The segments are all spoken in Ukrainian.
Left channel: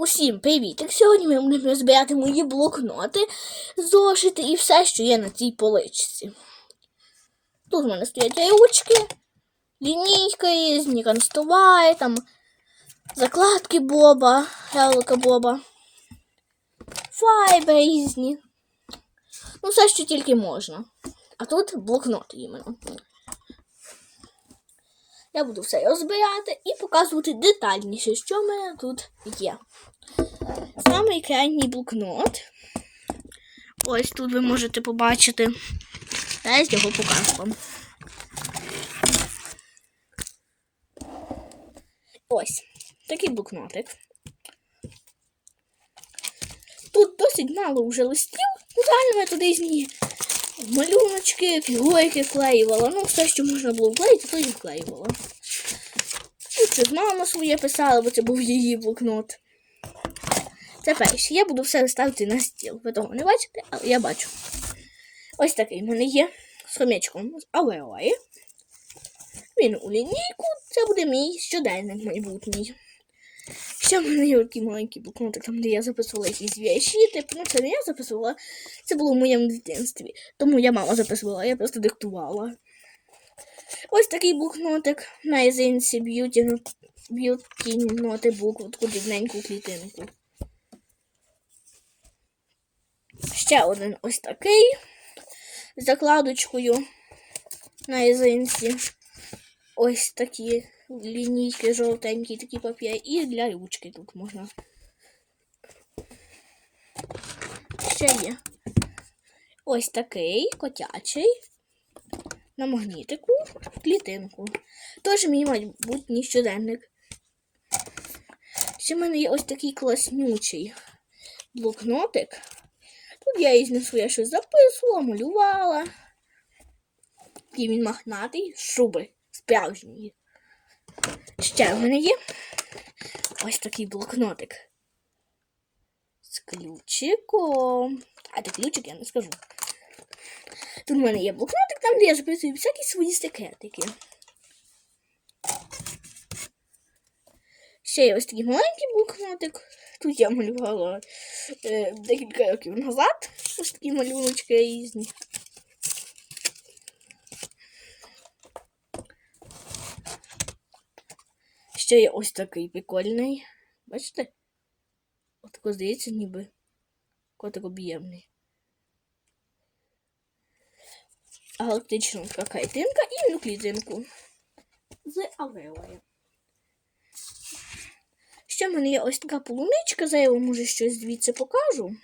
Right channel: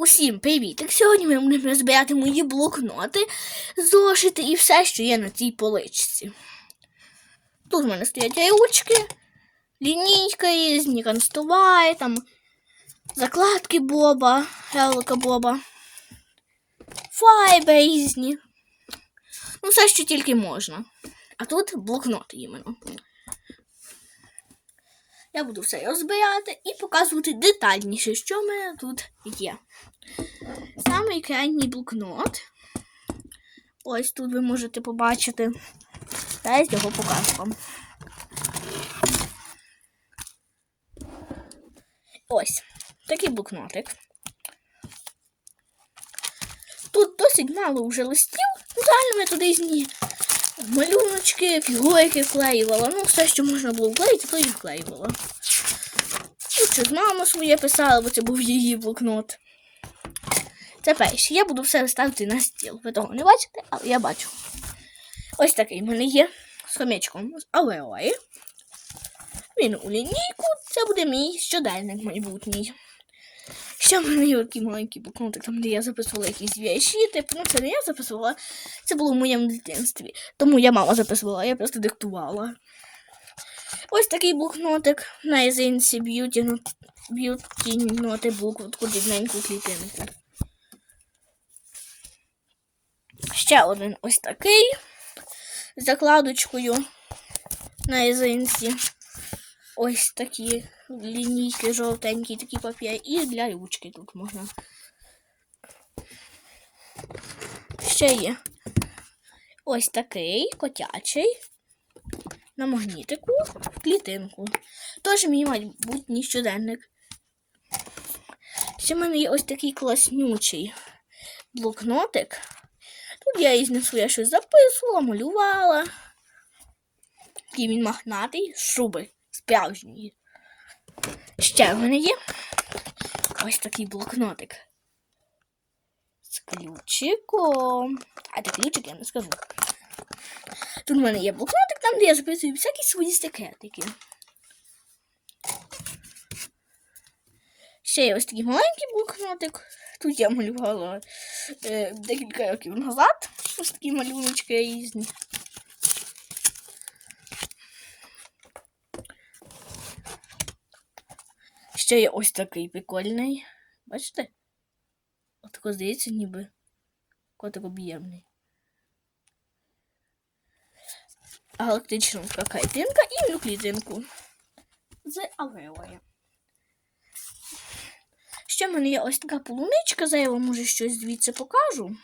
Усім привіт! Так сьогодні ми будемо розбирати мої блокноти, зошити і все, що є на цій поличці. Тут в мене стоять ручки, лінійка різні, констувай, там закладки Боба, гелика Боба, файби різні. Ну, все, що тільки можна. А тут блокноти іменно. Я буду все розбирати і показувати детальніше, що в мене тут є. Самий крайній блокнот. Ось тут ви можете побачити. Зараз його покажу вам. Ось такий блокнотик. Тут досить мало вже листів. Далі я туди малюночки, фігурки вклеювала. Ну, все, що можна було вклеїти, то і вклеювала. Ну, щось мама своє писала, бо це був її блокнот. Це перше. Я буду все ставити на стіл. Ви того не бачите, але я бачу. Ось такий в мене є з хомячком з алеої. Він у лінійку. Це буде мій щоденник майбутній. Ще в мене є такий маленький блокнотик, там, де я записувала якісь вірші. Типу, ну це не я записувала, це було в моєму дитинстві. Тому я мама записувала, я просто диктувала. Ось такий блокнотик на язинці б'юті, ноти букву, таку дрібненьку клітинку. Ще один ось такий з закладочкою на язинці. Ось такі лінійки жовтенькі, такі папір. І для ручки тут можна. Ще є ось такий котячий на магнітику в клітинку. Тож мій майбутній щоденник. Ще в мене є ось такий класнючий блокнотик. Тут я із ним своє щось записувала, малювала. Такий він махнатий, шуби справжньої. Ще в мене є ось такий блокнотик. З ключиком. А де ключик я не скажу. Тут в мене є блокнотик, там, де я записую всякі свої секретики. Ще є ось такий маленький блокнотик. Тут я малювала е, декілька років назад. Ось такі малюночки різні. Ще є ось такий прикольний. Бачите? Отако здається, ніби котик об'ємний. Галактична картинка і клітинку з алеою. Ще в мене є ось така полуничка, за я вам може щось звідси покажу.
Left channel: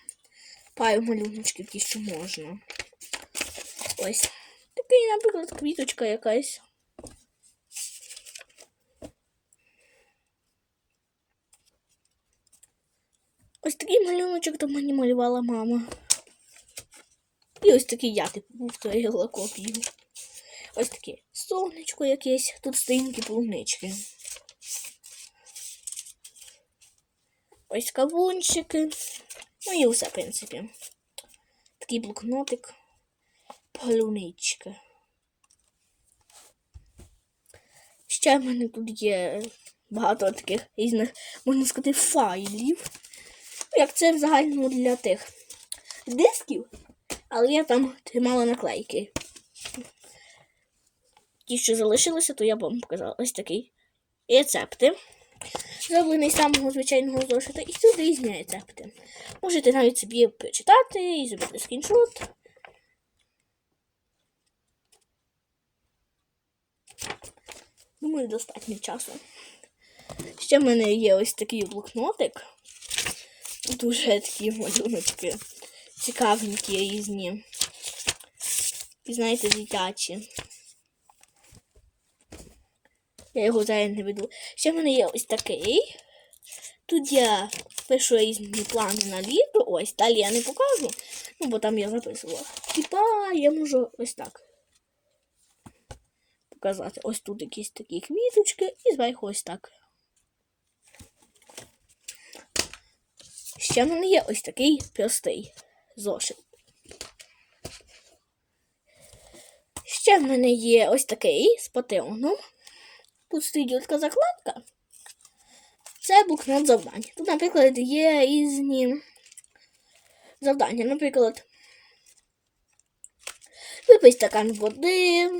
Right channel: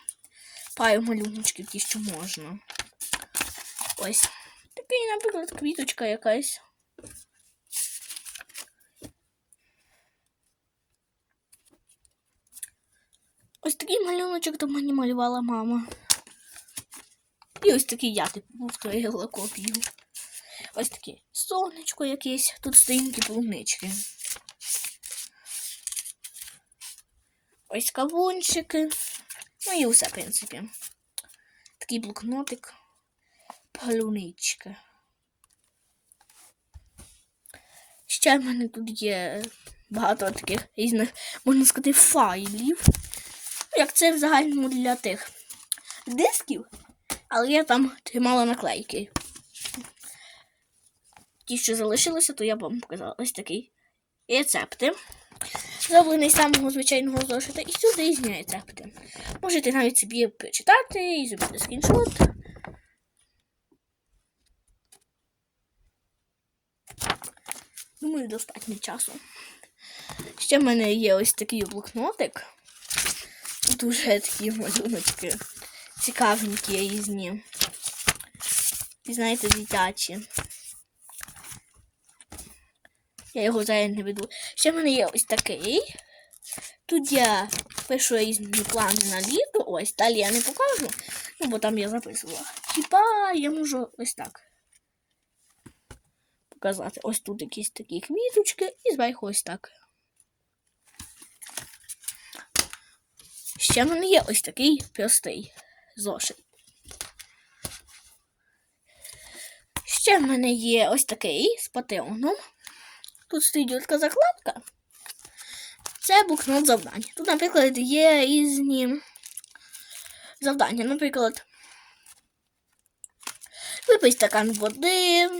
Пару малюночків ті, що можна. Ось. Такий, наприклад, квіточка якась. Ось такий малюночок до мені малювала мама. І ось такий я типу повторила копію. Ось таке сонечко якесь, тут сторінки полунички. Ось кавунчики. Ну і все, в принципі. Такий блокнотик. Полуничка. Ще в мене тут є багато таких різних, можна сказати, файлів. Як це в загальному для тих дисків, але я там тримала наклейки. Ті, що залишилися, то я вам показала ось такий рецепти. Зроблений з самого звичайного зошита і тут різні рецепти. Можете навіть собі прочитати і зробити скріншот. Думаю, достатньо часу. Ще в мене є ось такий блокнотик. Дуже такі малюночки. Цікавенькі різні. І знаєте, дитячі. Я його зараз не веду. Ще в мене є ось такий. Тут я пишу різні плани на літо. Ось, далі я не покажу. Ну, бо там я записувала. Типа я можу ось так показати. Ось тут якісь такі квіточки і зверху ось так. Ще в мене є ось такий простий зошит. Ще в мене є ось такий з патеоном. Тут стоїть така закладка. Це блокнот завдань. Тут, наприклад, є різні завдання. Наприклад, випий стакан води,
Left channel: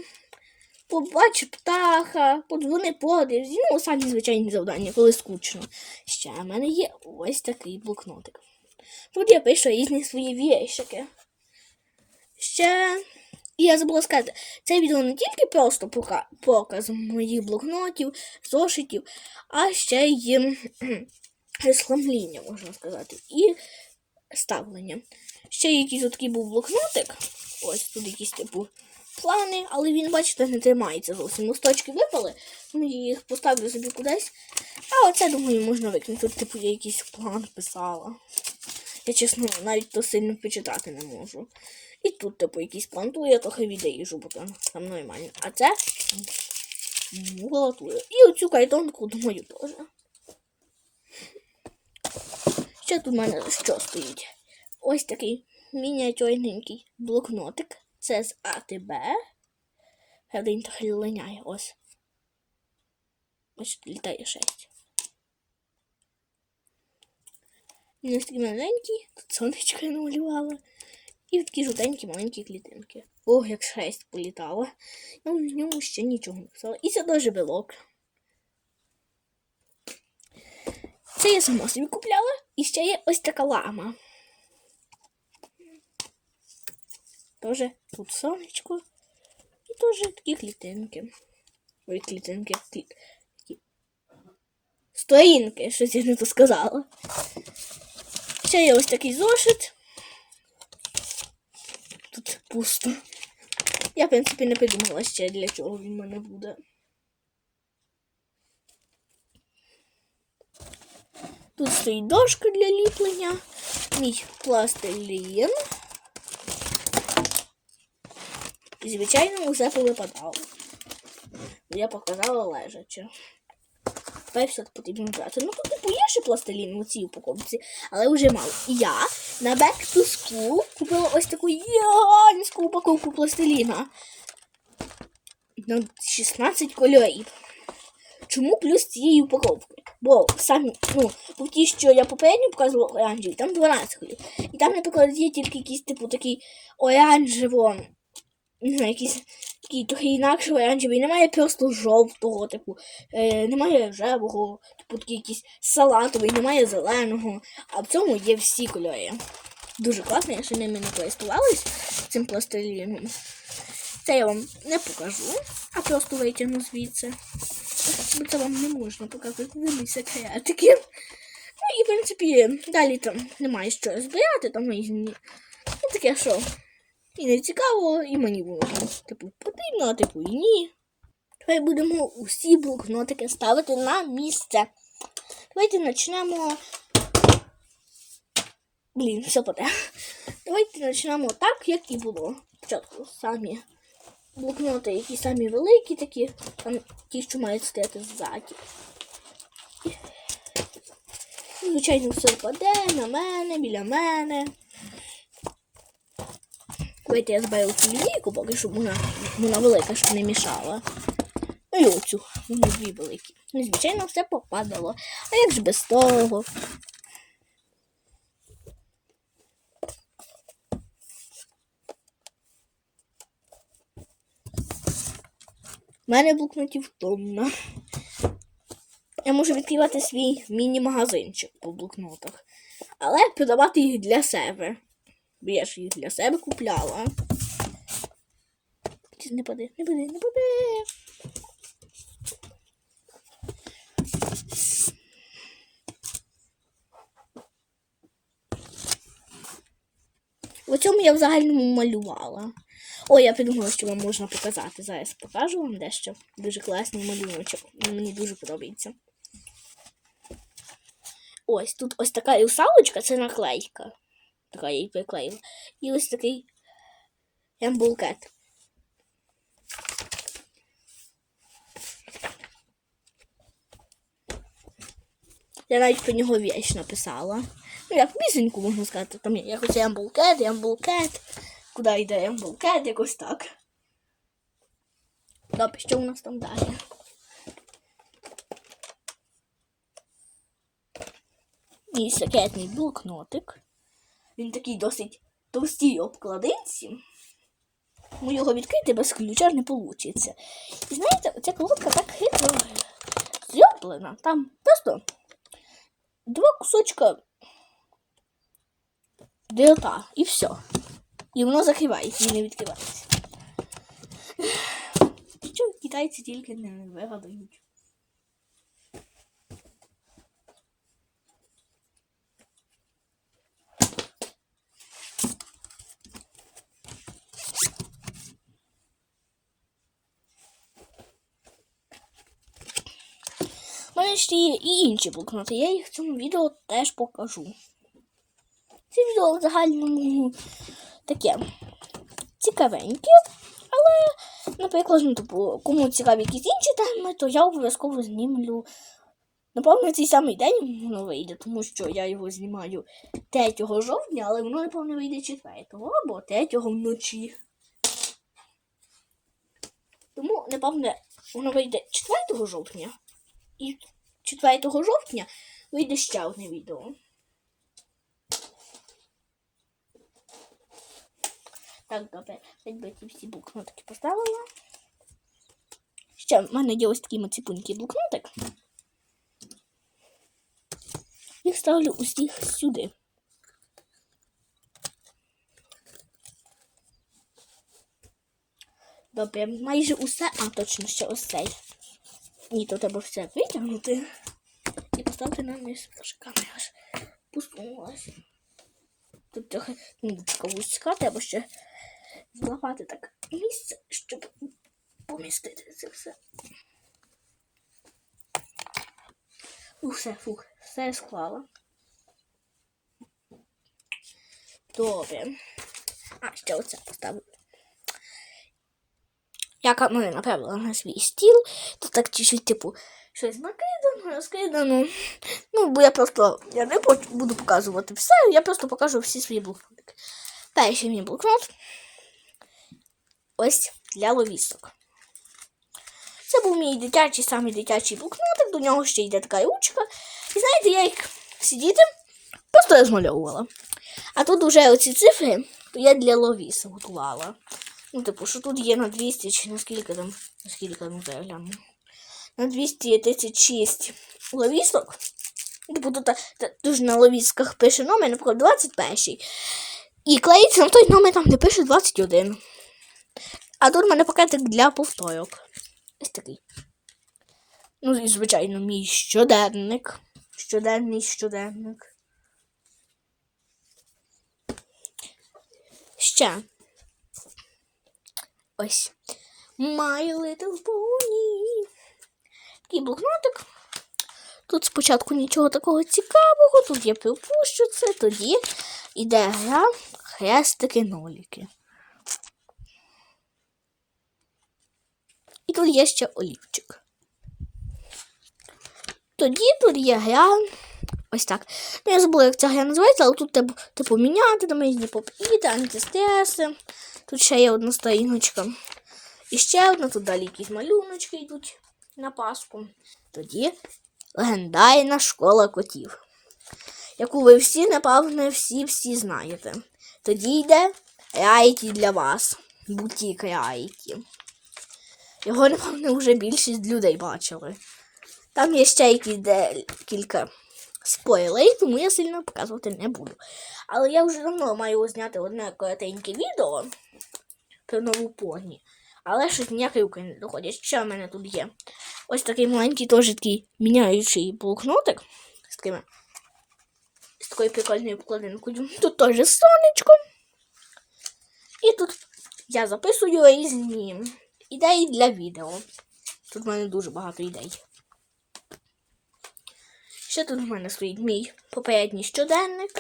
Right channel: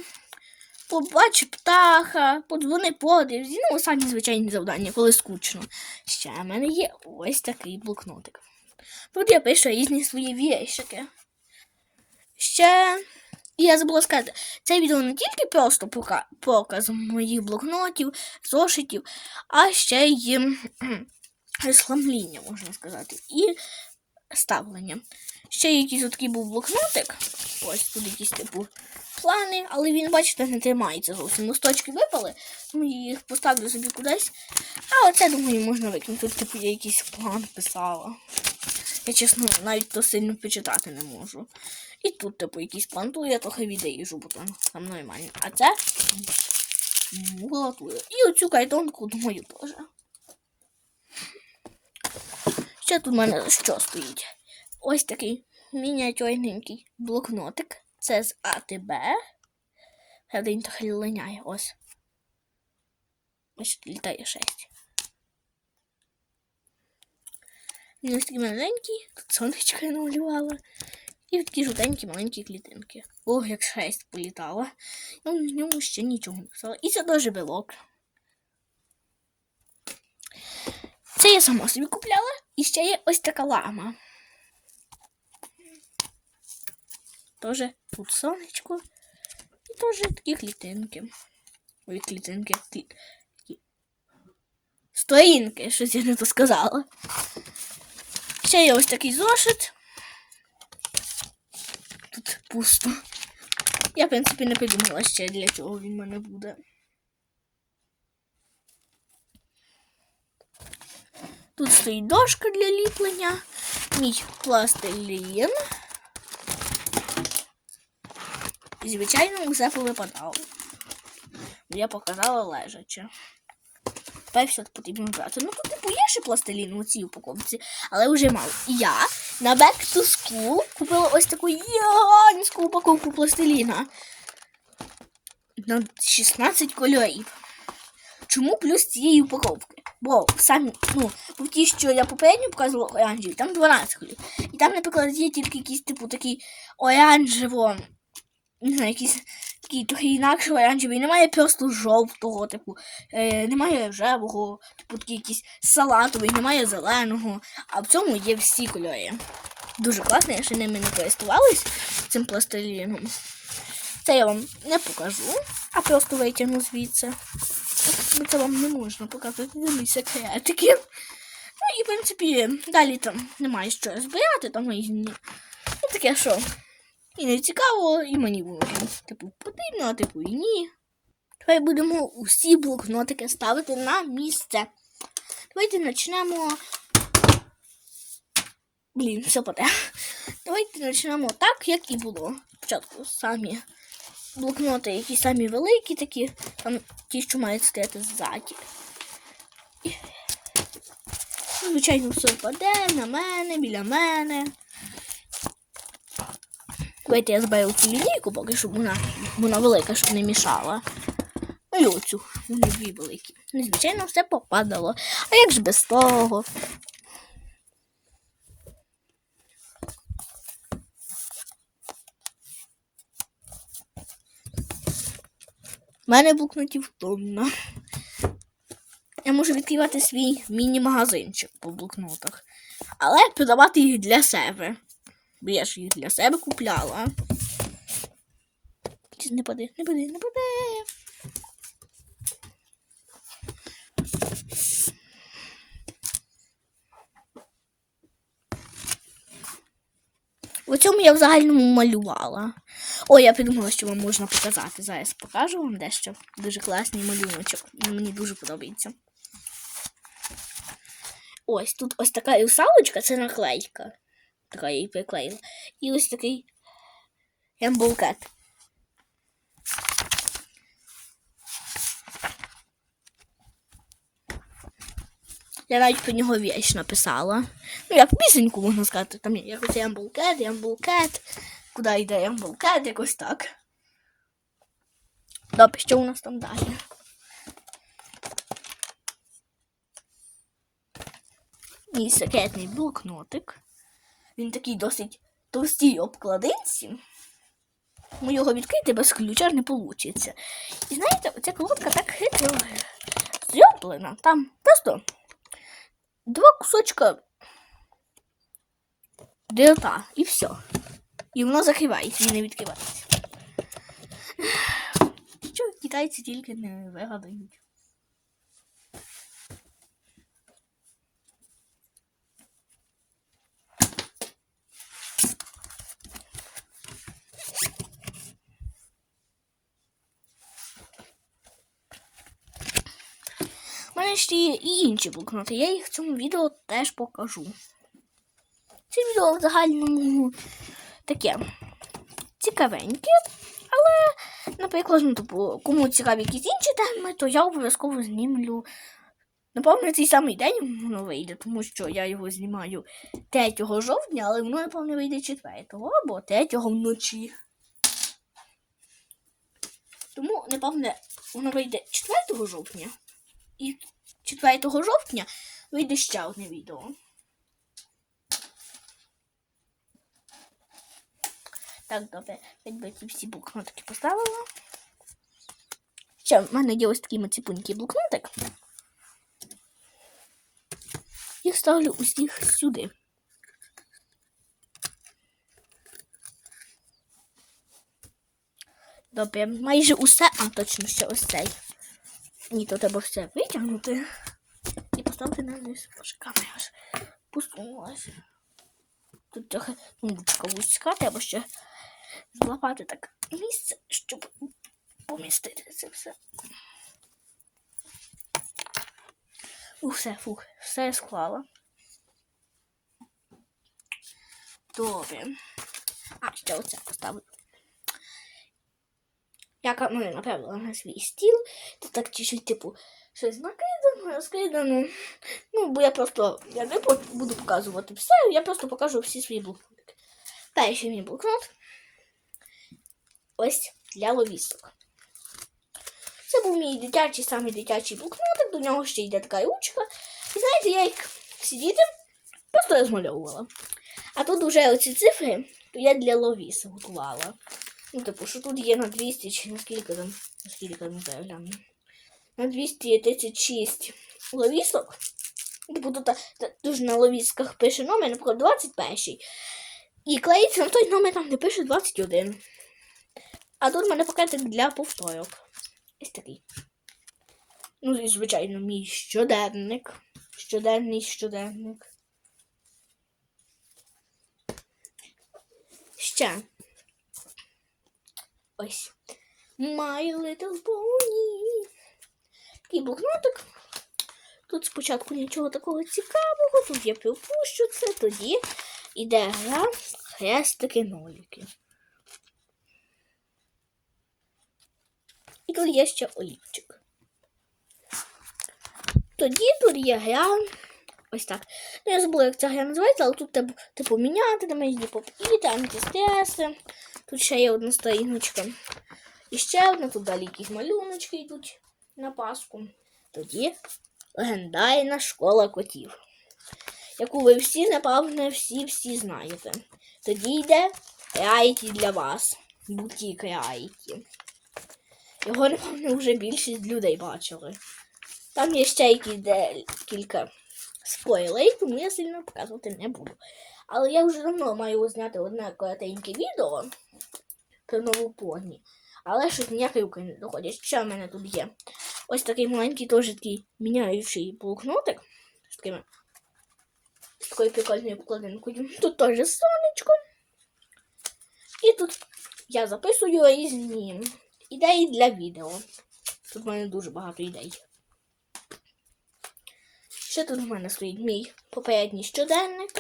побач птаха, подзвони подивзі. Ну, самі звичайні завдання, коли скучно. Ще в мене є ось такий блокнотик. Тут я пишу різні свої віршики. Ще. І я забула сказати, це відео не тільки просто пока- показ моїх блокнотів, зошитів, а ще й розхламління, можна сказати, і ставлення. Ще якийсь такий був блокнотик. Ось тут якісь типу плани, але він, бачите, не тримається зовсім. Листочки випали, тому я їх поставлю собі кудись. А оце, думаю, можна викинути. Типу, я якийсь план писала. Я чесно навіть то сильно почитати не можу. І тут, типу, якийсь план, то я трохи відріжу, бо там, там нормально. А це макулатура. І оцю кайтонку думаю теж. Ще тут в мене що стоїть? Ось такий мініатюрненький блокнотик. Це з АТБ. Він трохи линяє, ось. Ось літає 6. Він ось такий маленький, тут сонечко намалювала. І такі жовтенькі маленькі клітинки. Ох, як шесть політала. Я в ньому ще нічого не писала. І це теж білок. Це я сама собі купляла. І ще є ось така лама. Тоже тут сонечко. І теж такі клітинки. Ой, клітинки. Клі... Сторінки, щось я не то сказала. Ще є ось такий зошит. Тут пусто. Я, в принципі, не придумала ще, для чого він в мене буде. Тут стоїть дошка для ліплення, мій пластилін. І, звичайно, усе повипадало. Бо Я показала лежаче. Тепер все потрібно брати. Ну тут типу є ще пластилін у цій упаковці, але вже мало. І я на Back to School купила ось таку гігантську упаковку пластиліна. На 16 кольорів. Чому плюс цієї упаковки? Бо самі, ну, в ті, що я попередньо показувала оранжеві, там 12 кольорів. І там, наприклад, є тільки якийсь, типу, такий оранжево, не знаю, якийсь такий трохи інакший оранжевий. Немає просто жовтого, типу, е, немає рожевого, типу такий якийсь салатовий, немає зеленого. А в цьому є всі кольори. Дуже класно, я ще ними не користувалась цим пластиліном. Це я вам не покажу, а просто витягну звідси. Це вам не можна показувати, вони секретики. Ну і, в принципі, далі там немає що збирати, там різні. І таке, що і не цікаво, і мені було. Типу, потрібно, а типу і ні. Давай будемо усі блокнотики ставити на місце. Давайте почнемо. Блін, все поте. Давайте почнемо так, як і було. Спочатку самі блокноти, які самі великі, такі, там ті, що мають стояти ззаді. Звичайно, все впаде на мене, біля мене. Давайте я зберу цю лінійку, поки щоб вона, вона велика, щоб не мішала. Ну і оцю, вони дві великі. Звичайно, все попадало. А як ж без того? У мене блокнотів тонна. Я можу відкривати свій міні-магазинчик по блокнотах. Але продавати їх для себе. Бо я ж їх для себе купляла. Не пади, не пади, не пади. В цьому я в загальному малювала. Ой, я придумала, що вам можна показати. Зараз покажу вам дещо. Дуже класний малюночок. Мені дуже подобається. Ось тут ось така русалочка, це наклейка. Її приклеїла. І ось такий ембулкет. Я навіть про нього віч написала. Ну, як пісеньку можна сказати, там є якось ямбулкет, ямбулкет. Куди йде ямбулкет, якось так. Добре, що у нас там далі? мій секретний блокнотик. Він такий досить товстій обкладинці. Ну, його відкрити без ключа не вийде. І знаєте, оця колодка так хитро зроблена. Там просто два кусочка дрота і все. І воно закривається і не відкривається. Що китайці тільки не вигадають. Є і інші блокноти. Я їх в цьому відео теж покажу. Це відео в загальному таке цікавеньке, але, наприклад, ну, типу, кому цікаві якісь інші теми, то я обов'язково знімлю. Напевно, цей самий день воно вийде, тому що я його знімаю 3 жовтня, але воно, напевно, вийде 4 або 3 вночі. Тому, напевно, воно вийде 4 жовтня. І 4 жовтня вийде ще одне відео. Так, добре, би ці всі блокнотики поставила. Ще в мене є ось такий маціпунький блокнотик. Я ставлю усіх сюди. Добре, майже усе, а точно ще ось цей. Ні, то треба все витягнути і поставити на низ. Боже, камера аж посунулася. Тут трохи ручка вузька, треба ще злапати так місце, щоб помістити це все. Усе, фух, все я склала. Добре. А, ще оце поставлю. Я камери направила на свій стіл, то так чуть-чуть, типу, щось накидано, розкидано. Ну, бо я просто я не буду показувати все, я просто покажу всі свої блокнотики. Перший мій блокнот. Ось для ловісток. Це був мій дитячий, самий дитячий блокнотик, до нього ще йде така ручка. І знаєте, я як сидіти, просто розмальовувала. А тут вже оці цифри, я для ловіс готувала. Ну, типу, що тут є на 200, чи наскільки там, наскільки там загляну. На 236 ловісок. Типу, тут дуже на ловісках пише номер, наприклад, 21. І клеїться на той номер там, де пише 21. А тут в мене пакетик для повторок. Ось такий. Ну, і, звичайно, мій щоденник. Щоденний щоденник. Ще. Ось. My Little Pony. Такий блокнотик. Тут спочатку нічого такого цікавого, тут я припущу це, тоді йде гра хрестики-ноліки. І тут є ще олівчик. Тоді тут є гра. Ось так. Ну, я забула, як ця гра називається, але тут типу, типу міняти, там різні поп-іти, антистреси. Тут ще є одна сторіночка. І ще одна, тут далі якісь малюночки йдуть на Пасху. Тоді легендарна школа котів, яку ви всі, напевно, всі-всі знаєте. Тоді йде Райті для вас. Бутік Райті. Його, напевно, вже більшість людей бачили. Там є ще якісь кілька спойлерів, тому я сильно показувати не буду. Але я вже давно маю зняти одне коротеньке відео про нову поні. Але щось ніякі руки не доходять. Ще в мене тут є. Ось такий маленький теж такий міняючий блокнотик з такими. З такою прикольною вкладинкою. Тут теж сонечко. І тут я записую різні ідеї для відео. Тут в мене дуже багато ідей. Ще тут в мене стоїть мій попередній щоденник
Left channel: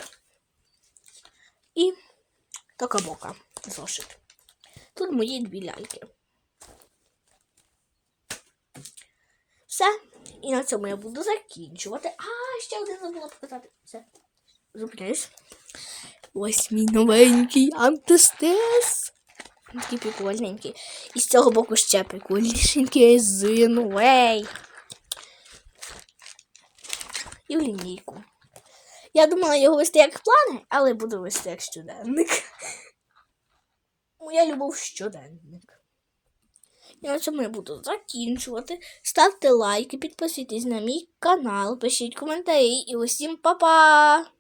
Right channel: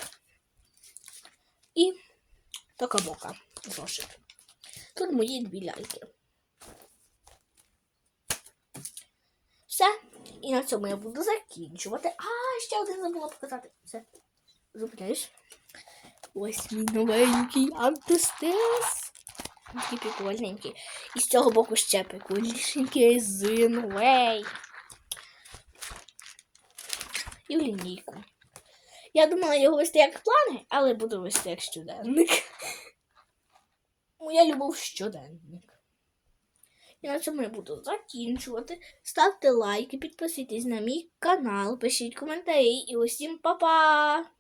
і така бока зошит. Тут мої дві ляльки. Все. І на цьому я буду закінчувати. А, ще один забула показати. Все. Зупиняюсь. Ось мій новенький антистез. Такий прикольненький. І з цього боку ще прикольнішенький резиновий. І в лінійку. Я думала його вести як плани, але буду вести як щоденник. Моя любов щоденник. І на цьому я буду закінчувати. Ставте лайки, підписуйтесь на мій канал, пишіть коментарі і усім па-па!